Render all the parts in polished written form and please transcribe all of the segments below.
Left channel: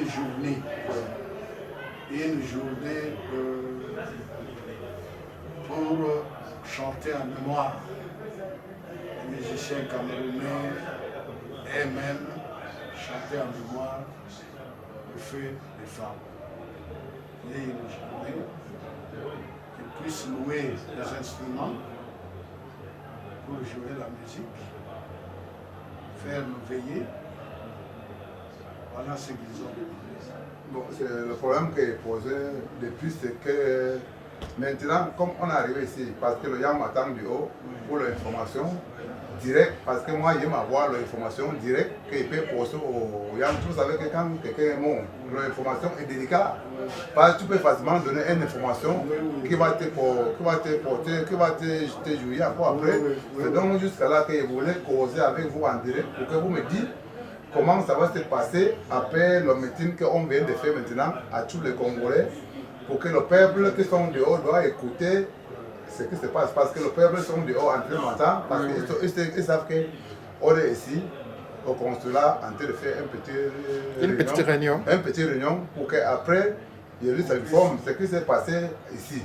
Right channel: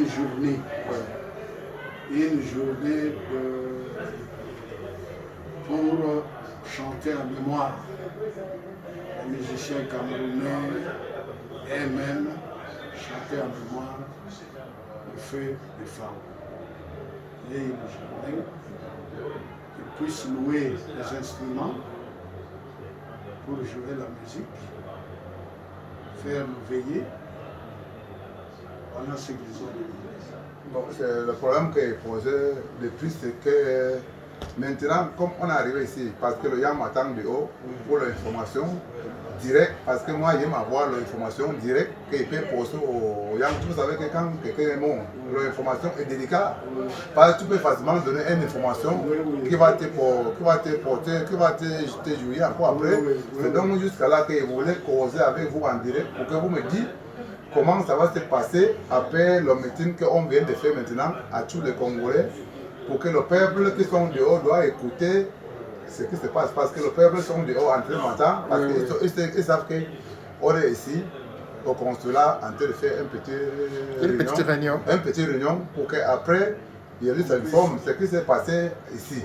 une journée. Une journée pour chanter en mémoire. Les musiciens camerounais et même chanter en mémoire le feu des femmes. Il y a une journée qu'ils puissent louer les instruments pour jouer la musique, faire nous veiller. Voilà ce qu'ils ont demandé. Bon, le problème qui est posé de plus, c'est que maintenant, comme on est arrivé ici, parce que le Yam m'attend de haut pour l'information directe, parce que moi, j'aime avoir l'information directe qu'il peut poser au Yam. Vous savez que quand quelqu'un est mort, l'information est délicate. Parce que tu peux facilement donner une information qui va te porter, qui va te jouer encore après. C'est donc jusqu'à là que je voulais causer avec vous en direct pour que vous me dites comment ça va se passer après le meeting qu'on vient de faire maintenant à tous les Congolais, pour que le peuple qui sont dehors doit écouter ce qui se passe. Parce que le peuple sont dehors en train d'entendre, parce qu'ils savent qu'on est ici au consulat en train de faire une petite réunion pour qu'après, il s'informe ce qui s'est passé ici.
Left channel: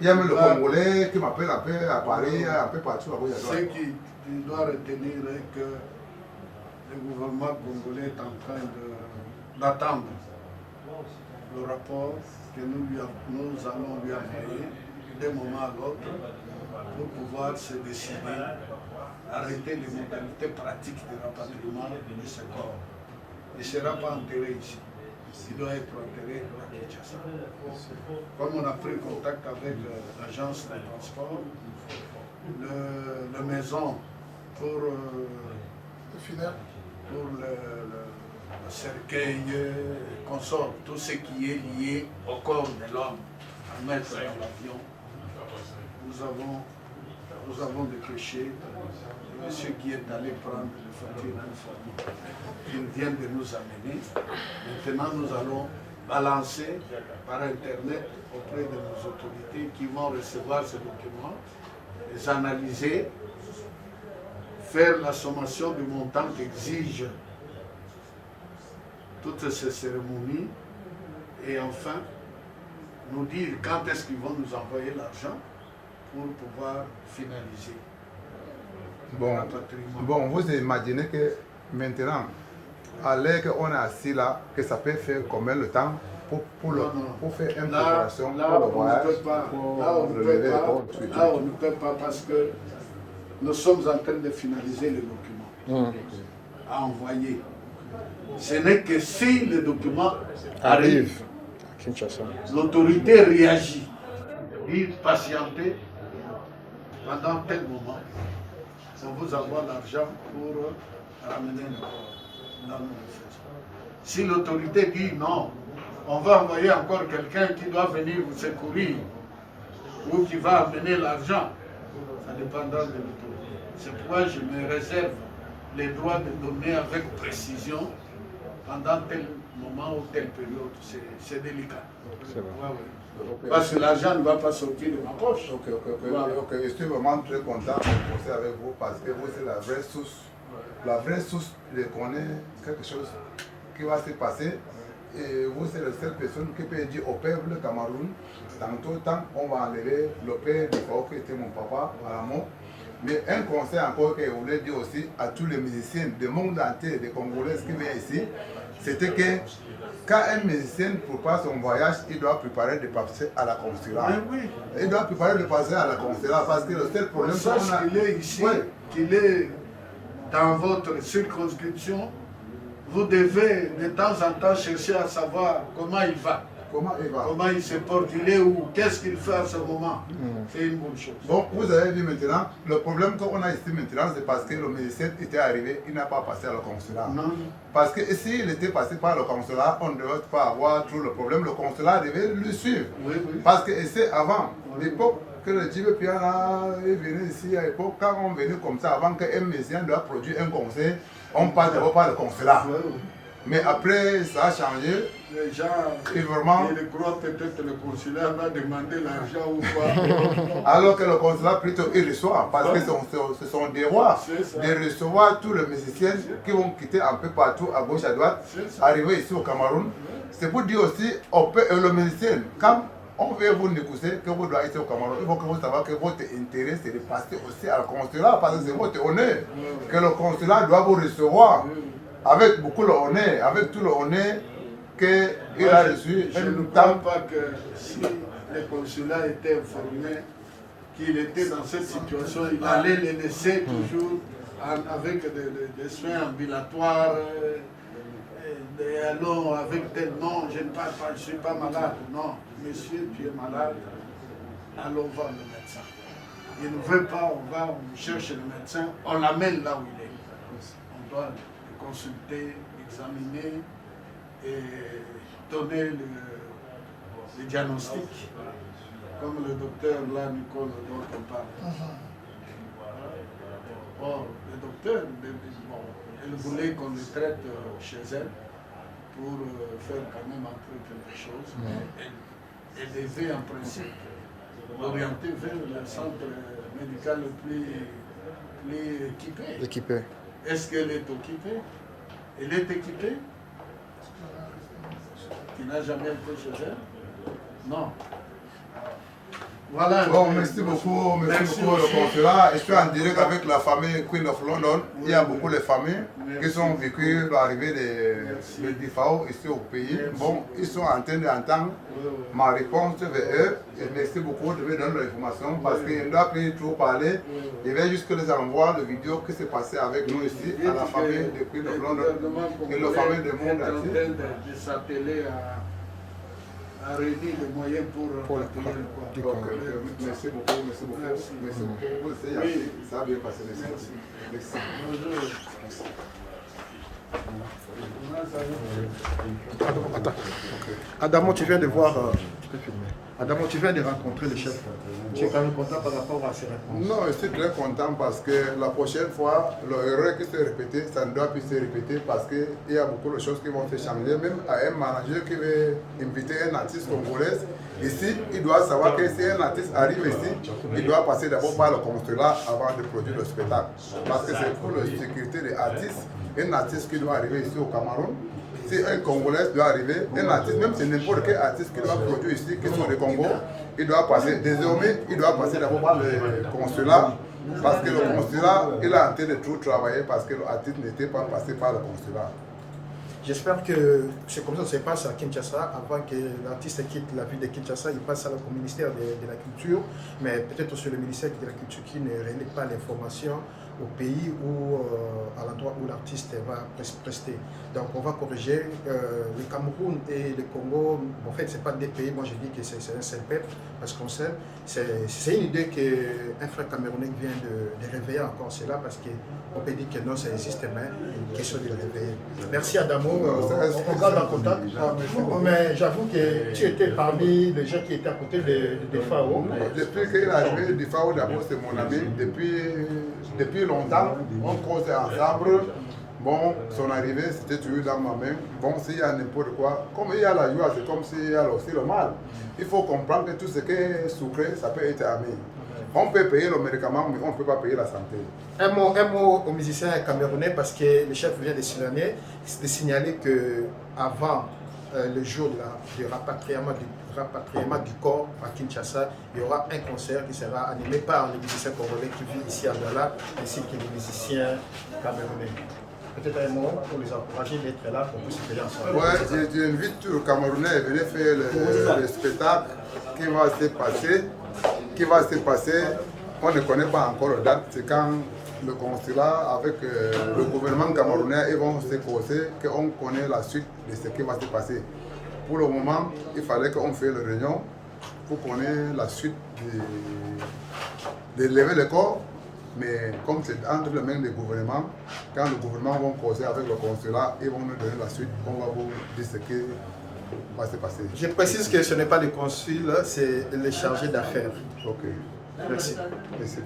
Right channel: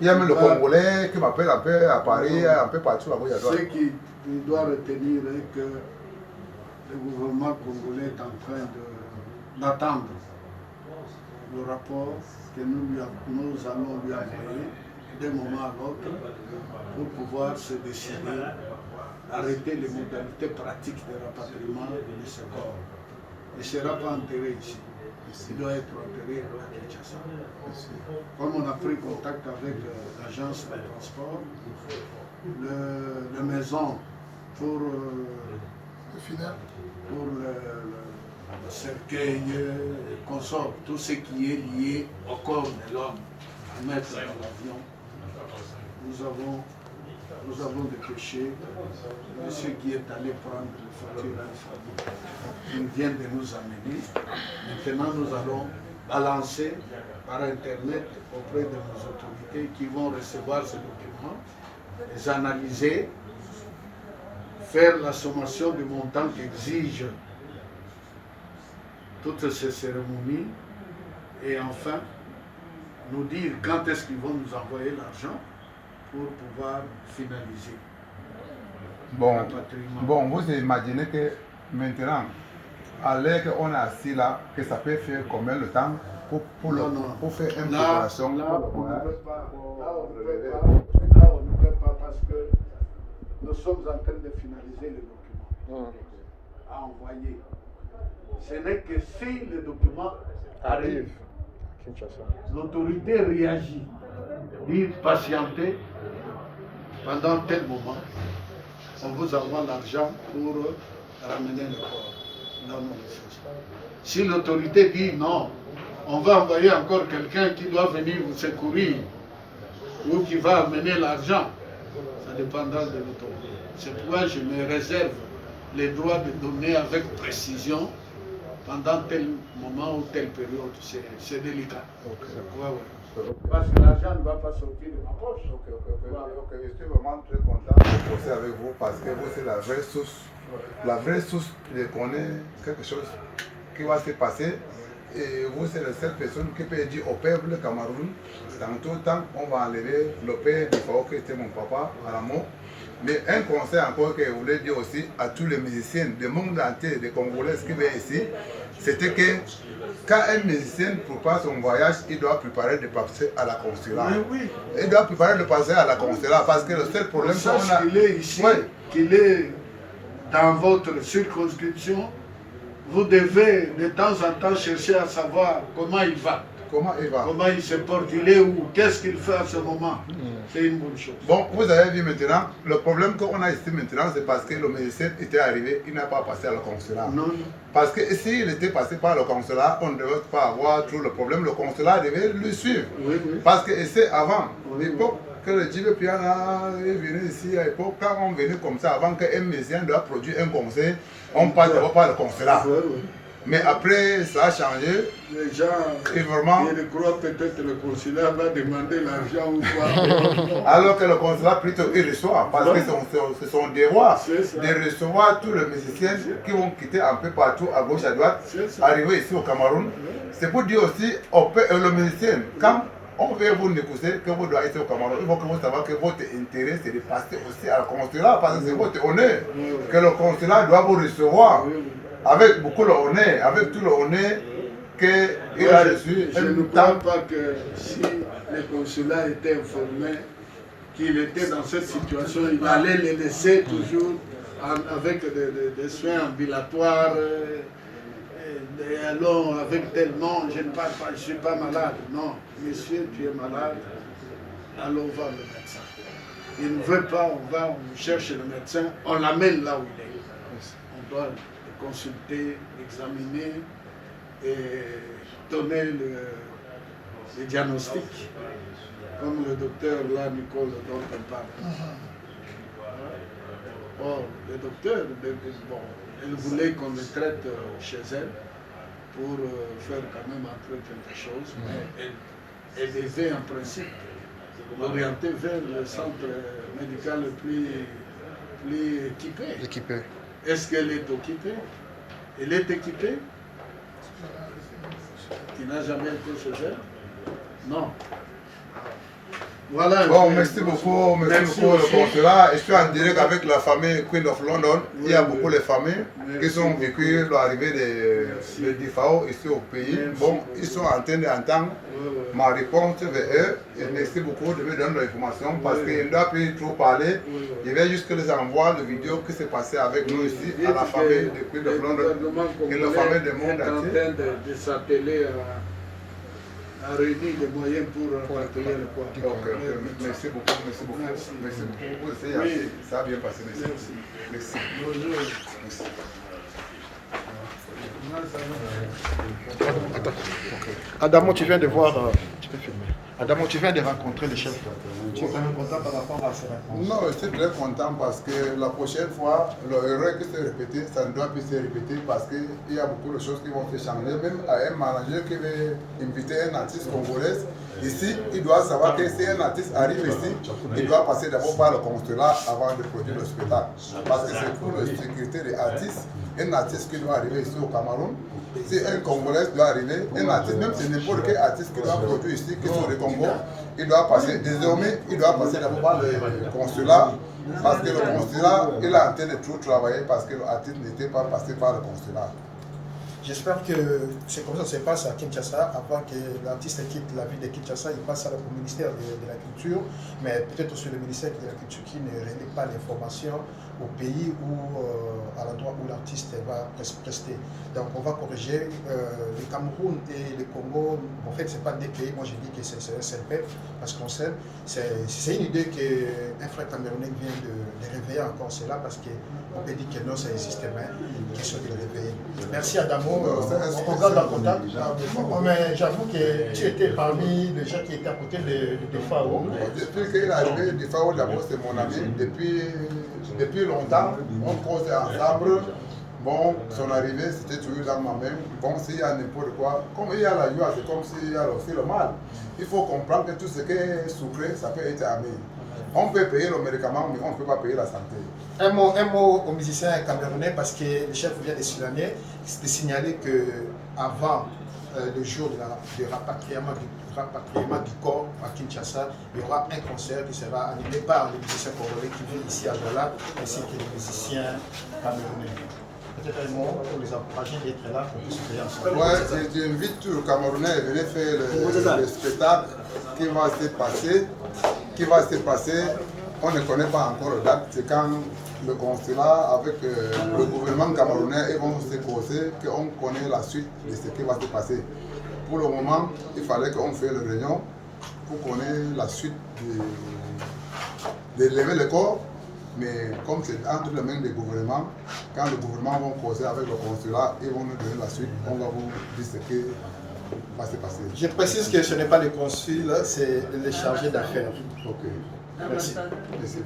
Il y a même le Congolais qui m'appelle un peu à Paris, un peu partout. Ce qu'il doit retenir est que le gouvernement congolais est en train d'attendre le rapport que nous allons lui envoyer d'un moment à l'autre pour pouvoir se décider, arrêter les modalités pratiques de rapatriement de ce corps. Il ne sera pas enterré ici. Il doit être enterré à Kinshasa. Comme on a pris contact avec l'agence de transport, la maison pour le cercueil, le consort, tout ce qui est lié au corps de l'homme, à mettre dans l'avion. Nous avons dépêché monsieur qui est allé prendre les factures, il vient de nous amener. Maintenant, nous allons balancer par Internet auprès de nos autorités qui vont recevoir ces documents, les analyser, faire la sommation du montant qu'exigent toutes ces cérémonies et enfin nous dire quand est-ce qu'ils vont nous envoyer l'argent pour pouvoir finaliser. Bon, vous imaginez que maintenant, à l'heure qu'on est assis là, que ça peut faire combien de temps pour faire une préparation pour le voyage? Là, on ne peut pas parce que nous sommes en train de finaliser les documents à envoyer. Ce n'est que si le document arrive, l'autorité réagit, dit patienter pendant tel moment, on vous envoie l'argent pour ramener le corps. Non, si l'autorité dit non, on va envoyer encore quelqu'un qui doit venir vous secourir ou qui va amener l'argent, ça dépendra de l'autorité. C'est pourquoi je me réserve les droits de donner avec précision pendant tel moment ou telle période. C'est délicat. Parce que l'argent ne va pas sortir de ma poche. Je suis vraiment très content de bosser avec vous parce que vous, c'est la vraie source. La vraie source de connaître quelque chose qui va se passer. Et vous, c'est la seule personne qui peut dire au peuple Cameroun, tantôt, on va enlever le père du Fao qui était mon papa à la mort. Mais un conseil encore que je voulais dire aussi à tous les musiciens du monde entier, des Congolais qui viennent ici, c'était que quand un musicien prépare son voyage, il doit préparer de passer à la consulat. Il doit préparer de passer à la consulat parce que le seul problème c'est qu'on a... qu'il est ici, qu'il est dans votre circonscription, vous devez de temps en temps chercher à savoir comment il va. Comment il se porte, il est où, qu'est-ce qu'il fait à ce moment. C'est une bonne chose. Bon, vous avez vu maintenant, le problème qu'on a ici maintenant, c'est parce que le musicien était arrivé, il n'a pas passé à le consulat. Non. Parce que s'il était passé par le consulat, on ne devait pas avoir tout le problème. Le consulat devait le suivre. Parce que c'est avant, l'époque que le Djibe Piana est venu ici, à l'époque, quand on venait comme ça, avant qu'un musicien doit produire un concert, on passe d'abord par le consulat. Mais après, ça a changé. Les gens, Et vraiment, ils croient peut-être que le consulat va demander l'argent ou quoi. alors que le consulat plutôt il reçoit, parce que ce sont des rois de recevoir tous les musiciens qui vont quitter un peu partout, à gauche, à droite, arriver ici au Cameroun. C'est pour dire aussi, le musicien, quand on veut vous négocier que vous doivez être au Cameroun, il faut que vous sachiez que votre intérêt c'est de passer aussi à le consulat, parce que c'est votre honneur, que le consulat doit vous recevoir avec beaucoup d'honneur, avec tout le honneur qu'il a reçu. Je ne crois pas que si le consulat était informé qu'il était dans cette situation, il allait les laisser toujours avec des soins ambulatoires. Et alors, avec tel nom, je ne parle pas, je ne suis pas malade. Non, monsieur, tu es malade, allons voir le médecin. Il ne veut pas, on cherche le médecin, on l'amène là où il est. On doit le consulter, l'examiner et donner le diagnostic, comme le docteur là, Nicole, dont on parle. Or, le docteur, bon, elle voulait qu'on le traite chez elle pour faire quand même entrer quelque chose, mais elle devait en principe l'orienter vers le centre médical le plus équipé. Est-ce qu'elle est équipée? Elle est équipée? Il n'a jamais été chez elle? Non. Voilà. Bon, merci beaucoup le consulat. Je suis en direct avec la famille Queen of London. Il y a beaucoup de familles qui sont vécues l'arrivée de DIFAO ici au pays. Bon, ils sont en train d'entendre ma réponse vers eux. Et merci beaucoup de me donner l'information parce qu'il ne doit plus trop parler. Je vais juste les envoyer la vidéo qui s'est passée avec nous ici à la famille de Queen of London et la famille du monde entier. De s'atteler à réunir les moyens pour atteler le corps. Merci beaucoup, merci beaucoup. Merci beaucoup. Oui. Ça a bien passé, merci. Merci. Bonjour. Attends. Adamo, tu viens de voir, tu peux filmer. Adamo, tu viens de rencontrer le chef. Tu es quand même content par rapport à ces réponses? Non, je suis très content parce que la prochaine fois, l'erreur qui s'est répétée, ça ne doit plus se répéter parce qu'il y a beaucoup de choses qui vont se changer. Même à un manager qui veut inviter un artiste congolais, ici, il doit savoir que si un artiste arrive ici, il doit passer d'abord par le consulat avant de produire le spectacle. Parce que c'est pour la sécurité des artistes. Un artiste qui doit arriver ici au Cameroun, si un Congolais doit arriver, un artiste, même si n'importe quel artiste qui doit produire ici, qui sont des Congo, il doit passer, désormais, il doit passer d'abord par le consulat, parce que le consulat, il est en train de tout travailler parce que l'artiste n'était pas passé par le consulat. J'espère que c'est comme ça que ça se passe à Kinshasa. Avant que l'artiste quitte la ville de Kinshasa, il passe au ministère de la Culture, mais peut-être aussi le ministère de la Culture qui ne relaie pas l'information au pays ou à l'endroit où l'artiste va prester. Donc on va corriger. Le Cameroun et le Congo, en fait, ce n'est pas des pays. Moi, je dis que c'est un seul peuple, parce qu'on sait. C'est une idée qu'un frère camerounais vient de réveiller encore cela, parce qu'on peut dire que non, ça existe, mais une question de le réveiller. Merci Adamo. On garde en contact. Mais j'avoue que tu étais parmi les gens qui étaient à côté de FAO. Depuis qu'il est arrivé, DIFAO d'abord c'est mon ami. Depuis longtemps, on causait ensemble. Bon, son arrivée, c'était toujours dans ma main. Bon, s'il y a n'importe quoi, comme il y a la joie, c'est comme s'il y a aussi le mal. Il faut comprendre que tout ce qui est sucré, ça peut être ami. On peut payer le médicament, mais on ne peut pas payer la santé. Un mot aux musiciens camerounais, parce que le chef vient de signaler qu'avant le jour du rapatriement du corps à Kinshasa, il y aura un concert qui sera animé par les musiciens congolais qui vivent ici à Douala, ainsi que les musiciens camerounais. Peut-être un mot pour les encourager d'être là pour puisse payer ensemble. Ouais, j'invite tous les Camerounais à venir faire le spectacle qui va se passer. On ne connaît pas encore la date. C'est quand le consulat avec le gouvernement camerounais ils vont se poser qu'on connaît la suite de ce qui va se passer. Pour le moment, il fallait qu'on fasse une réunion pour connaître la suite de lever le corps. Mais comme c'est entre les mains du gouvernement, quand le gouvernement va causer avec le consulat, ils vont nous donner la suite, on va vous dire ce qui va se passer. Je précise que ce n'est pas le consul, c'est le chargé d'affaires. Ok. Merci. Merci.